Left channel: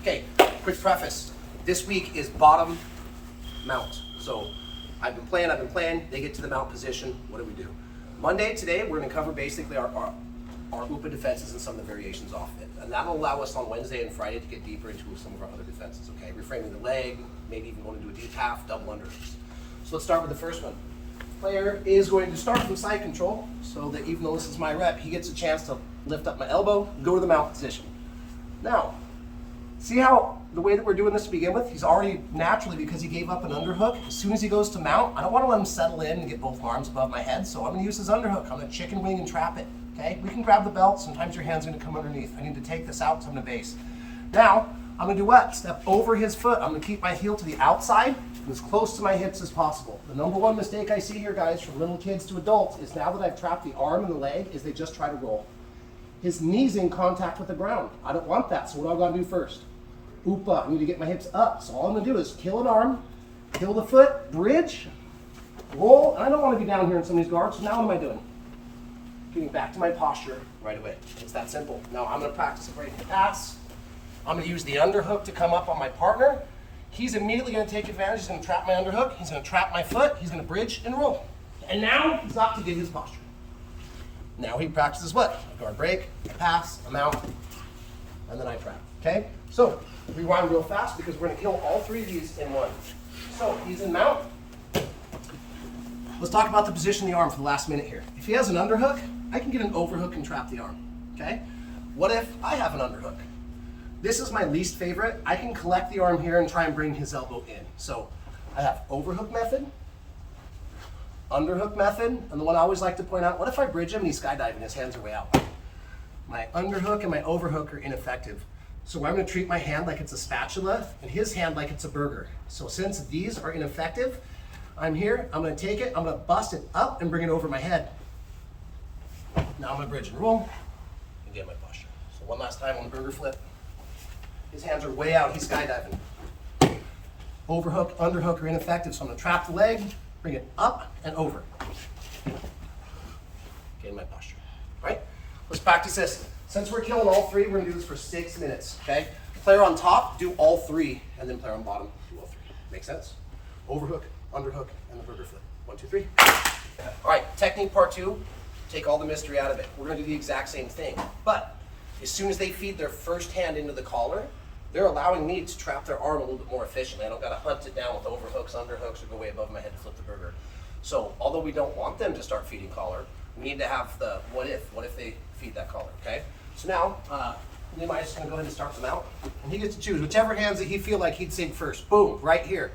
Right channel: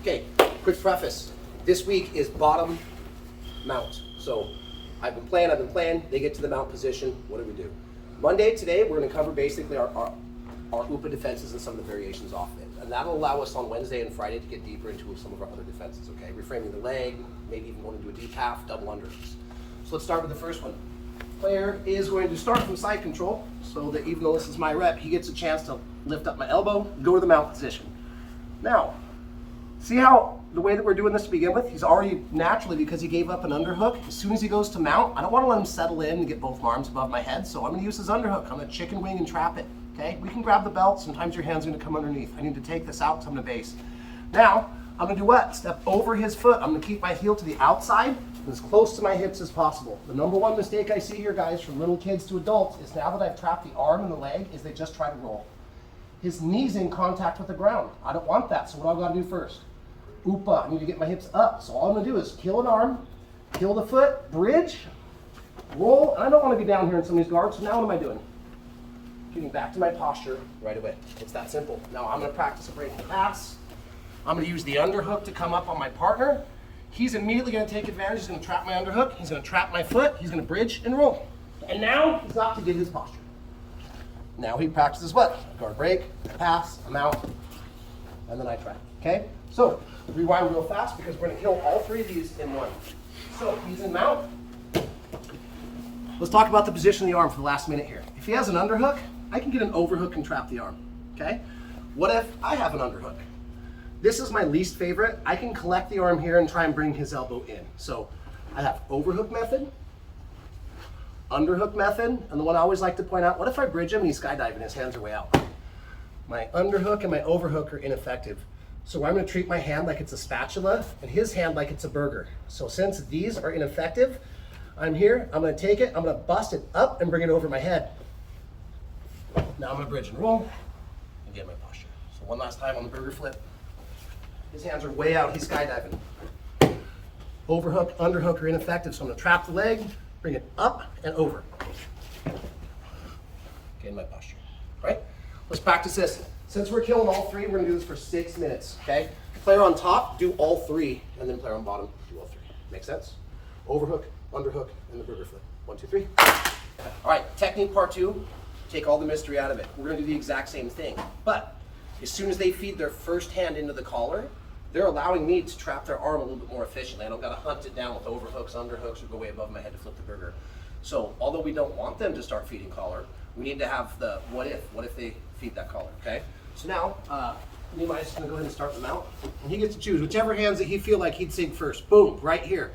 Okay, quick preface. This week is bottom mount. So I've been playing, they get to the mount position, what do we do? Monday, today, we're gonna cover basically our UPA defenses and some of the variations off it. And that'll allow us on Wednesday and Friday to get deeper into some of our other defenses, okay? Reframing the leg, maybe even going to do a deep half, double underhooks. So let's start with the first one. Player is going to start from side control, so that even though this is my rep, he gets a chance to lift up my elbow, go to the mount position. Now, see how the way that we're doing this to begin with, he's already naturally, because he gave up an underhook, as soon as he goes to mount, I don't want to let him settle in and get both arms above my head, so I'm going to use his underhook. I'm going to chicken wing and trap it, okay? We can grab the belt, sometimes your hand's going to come underneath. I need to take this out because I'm going to base. Now, I'm going to do what? Step over his foot. I'm going to keep my heel to the outside and as close to my hips as possible. The number one mistake I see here, guys, from little kids to adults, is now that I've trapped the arm and the leg, is they just try to roll. His knee's in contact with the ground. I don't want that, so what do I got to do first? UPA, I need to get my hips up. So all I'm gonna do is kill an arm, kill the foot, bridge, roll, and I don't wanna go down here in some of these guards, so now what am I doing? Getting back to my posture right away. It's that simple. Now I'm gonna practice a break and pass. I'm gonna use the underhook to come up on my partner. He's immediately gonna take advantage. He's gonna trap my underhook, he's gonna trap my foot, he's gonna bridge and roll. And now he's got to get his posture. Now he practices what? A guard break, a pass, a mount, and then I trap, okay? So, rewind real fast because we're gonna kill all three of these in one. So, he's in mount. Let's talk about the position of the arm for the last minute here. If he has an underhook, I can get an overhook and trap the arm, okay? What if I have an underhook? This is my least favorite. I can collect the arm here and try and bring his elbow in. So, I have overhook method, underhook method, and the one I always like to point out, what if I bridge him and he's skydiving, his hands are way out? My underhook and my overhook are ineffective. So I'm gonna treat my hand like it's a spatula and his hand like it's a burger. So since these are ineffective, I'm here, I'm gonna take it, I'm gonna bust it up and bring it over my head. Now I'm gonna bridge and roll and get my posture. So one last time on the burger flip. His hands are way out, he's skydiving. Overhook, underhook are ineffective, so I'm gonna trap the leg, bring it up and over. Get my posture, right? Let's practice this. Since we're killing all three, we're gonna do this for 6 minutes, okay? Player on top, do all three, and then player on bottom, do all three. Make sense? Overhook, underhook, and the burger flip. 1, 2, 3. All right, technique part 2, take all the mystery out of it. We're gonna do the exact same thing, but as soon as they feed their first hand into the collar, they're allowing me to trap their arm a little bit more efficiently. I don't gotta hunt it down with overhooks, underhooks, or go way above my head to flip the burger. So, although we don't want them to start feeding collar, we need to have the what if they feed that collar, okay? So now, Nehemiah's just gonna go ahead and start them out. And he gets to choose whichever hands that he feel like he'd sink first. Boom, right here.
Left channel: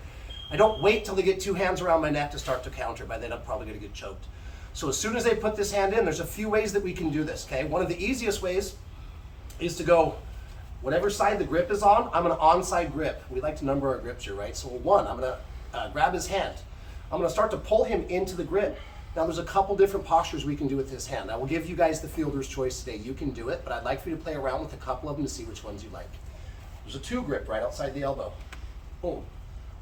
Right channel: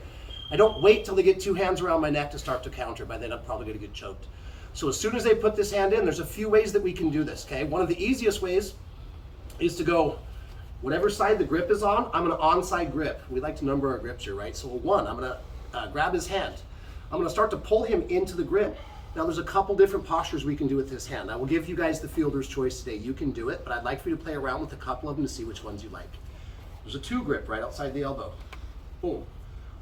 I don't wait till they get 2 hands around my neck to start to counter. By then I'm probably gonna get choked. So as soon as they put this hand in, there's a few ways that we can do this, okay? One of the easiest ways is to go, whatever side the grip is on, I'm gonna onside grip. We like to number our grips here, right? So 1, I'm gonna grab his hand. I'm gonna start to pull him into the grip. Now there's a couple different postures we can do with this hand. I will give you guys the fielder's choice today. You can do it, but I'd like for you to play around with a couple of them to see which ones you like. There's a 2 grip right outside the elbow. Boom.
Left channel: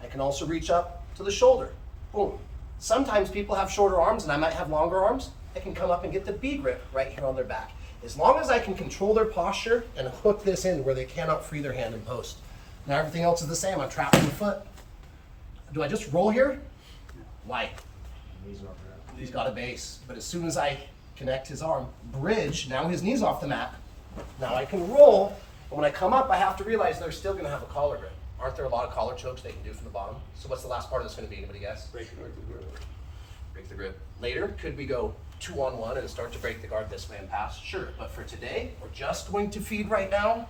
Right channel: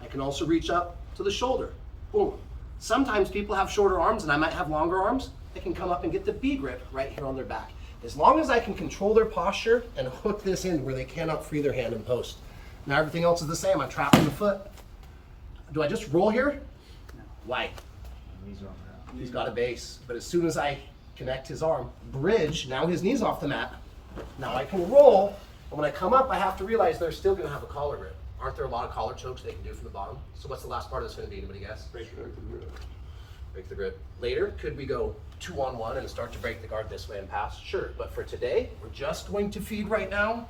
I can also reach up to the shoulder. Boom. Sometimes people have shorter arms and I might have longer arms. I can come up and get the B grip right here on their back. As long as I can control their posture and hook this in where they cannot free their hand in post. Now everything else is the same. I'm trapping the foot. Do I just roll here? No. Why? He's got a base, but as soon as I connect his arm, bridge, now his knee's off the mat. Now I can roll, but when I come up, I have to realize they're still gonna have a collar grip. Aren't there a lot of collar chokes they can do from the bottom? So what's the last part of this gonna be, anybody guess? Break the grip. Break the grip. Later, could we go 2-on-1 and start to break the guard this way and pass? Sure, but for today, we're just going to feed right now.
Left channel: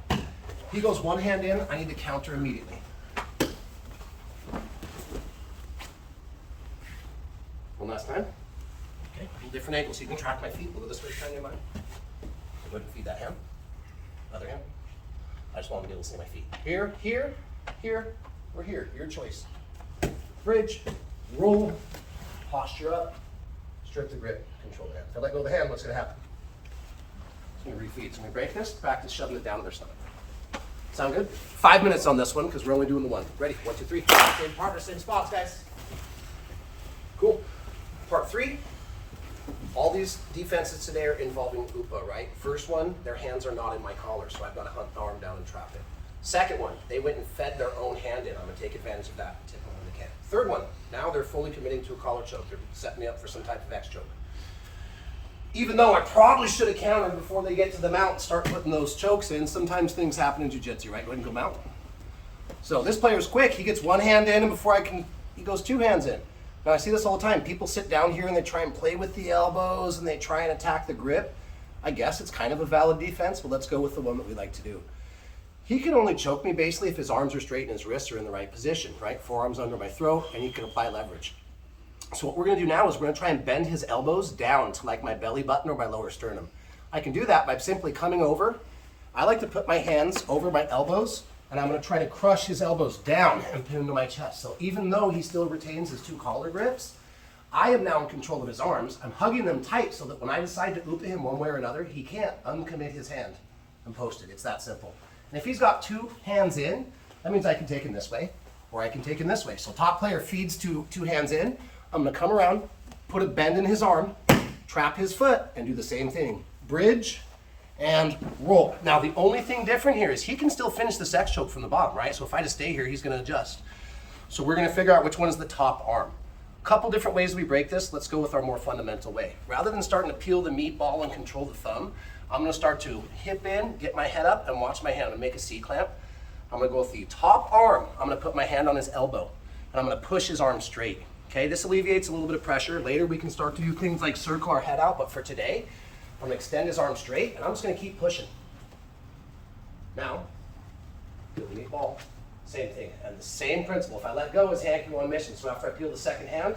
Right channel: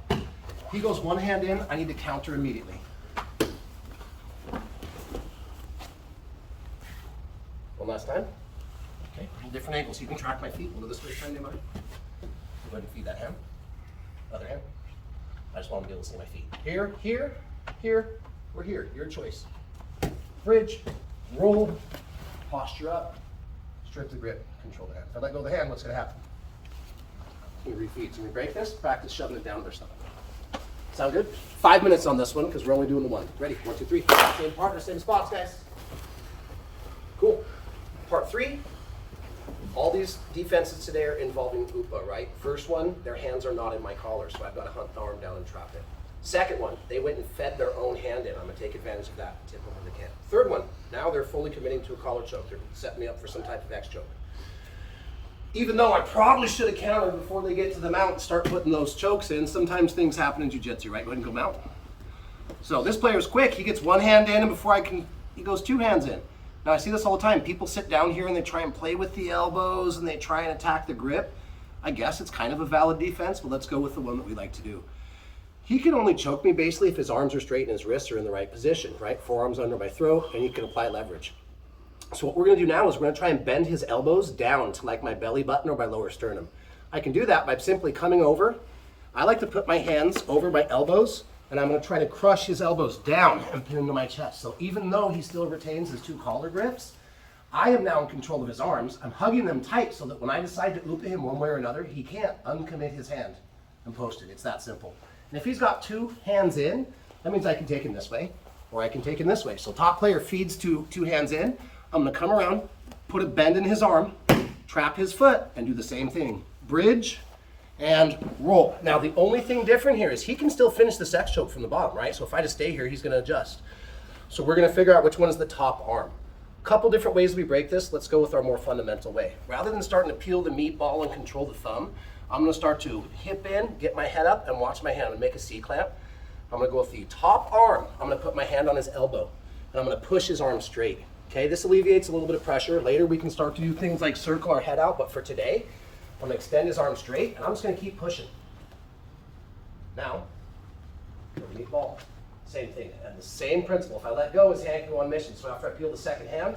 He goes 1 hand in, I need to counter immediately. One last time. Okay, a little different angle, so you can track my feet. We'll go this way, friend, Nehemiah. Go ahead and feed that hand. Other hand. I just want to be able to see my feet. Here, here, here, or here. Your choice. Bridge, roll, posture up, strip the grip, control the hand. If I let go of the hand, what's going to happen? I'm going to refeed. So we break this, practice shoving it down to their stomach. Sound good? 5 minutes on this one because we're only doing the one. Ready? 1, 2, 3. Same partner, same spots, guys. Cool. Part 3. All these defenses today are involving UPA, right? First one, their hands are not in my collar, so I've got to hunt the arm down and trap it. Second one, they went and fed their own hand in. I'm gonna take advantage of that and tip them when they can. Third one, now they're fully committing to a collar choke. They're setting me up for some type of X choke. Even though I probably should have countered before they get to the mount and start putting those chokes in, sometimes things happen in jiu-jitsu, right? Go ahead and go mount. So this player's quick. He gets one hand in, and before he goes two hands in. Now I see this all the time. People sit down here and they try and play with the elbows and they try and attack the grip. I guess it's kind of a valid defense, but let's go with the one that we like to do. He can only choke me basically if his arms are straight and his wrists are in the right position, right? Forearms under my throat, and he can apply leverage. So what we're gonna do now is we're gonna try and bend his elbows down to like my belly button or my lower sternum. I can do that by simply coming over. I like to put my hands over my elbows, and I'm gonna try to crush his elbows down and pin into my chest. So even though he still retains his two collar grips, I am now in control of his arms. I'm hugging them tight so that when I decide to oop him one way or another, he can't uncommit his hand and post it. It's that simple. And if he's got two hands in, that means I can take him this way, or I can take him this way. So top player feeds two hands in. I'm gonna come around, put a bend in his arm, trap his foot, and do the same thing. Bridge and roll. Now the only thing different here is he can still finish this X choke from the bottom, right? So if I just stay here, he's gonna adjust. So we're gonna figure out which one is the top arm. Couple different ways we break this. Let's go with our more fundamental way. Rather than starting to peel the meatball and control the thumb, I'm gonna start to hip in, get my head up, and watch my hand and make a C-clamp. I'm gonna go with the top arm. I'm gonna put my hand on his elbow, and I'm gonna push his arm straight. Okay, this alleviates a little bit of pressure. Later we can start to do things like circle our head out, but for today, I'm gonna extend his arm straight, and I'm just gonna keep pushing. Now, peel the meatball, same thing, and the same principle. If I let go, his hand can go on mission. So after I peel the second hand,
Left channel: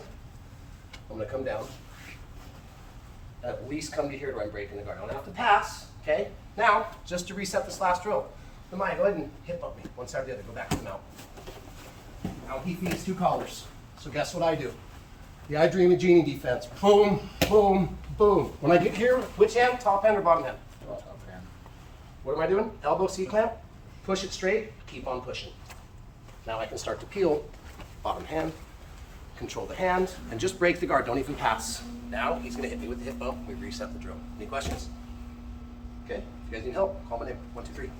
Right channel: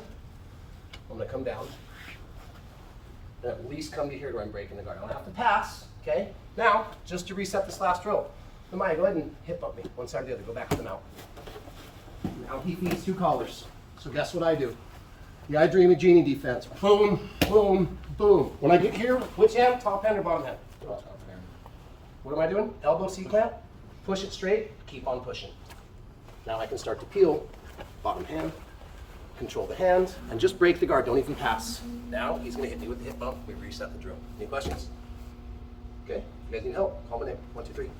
I'm gonna come down, and at least come to here where I'm breaking the guard. I don't have to pass, okay? Now, just to reset this last drill, Maya, go ahead and hip bump me, one side or the other, go back to the mount. Now he feeds two collars. So guess what I do? The I Dream of Genie defense. Boom, boom, boom. When I get here, which hand? Top hand or bottom hand? Top hand. What am I doing? Elbow C-clamp, push it straight, keep on pushing. Now I can start to peel, bottom hand, control the hands, and just break the guard, don't even pass. Now he's gonna hit me with the hip bump, we reset the drill. Any questions? Okay, if you guys need help, call my name, 1, 2, 3.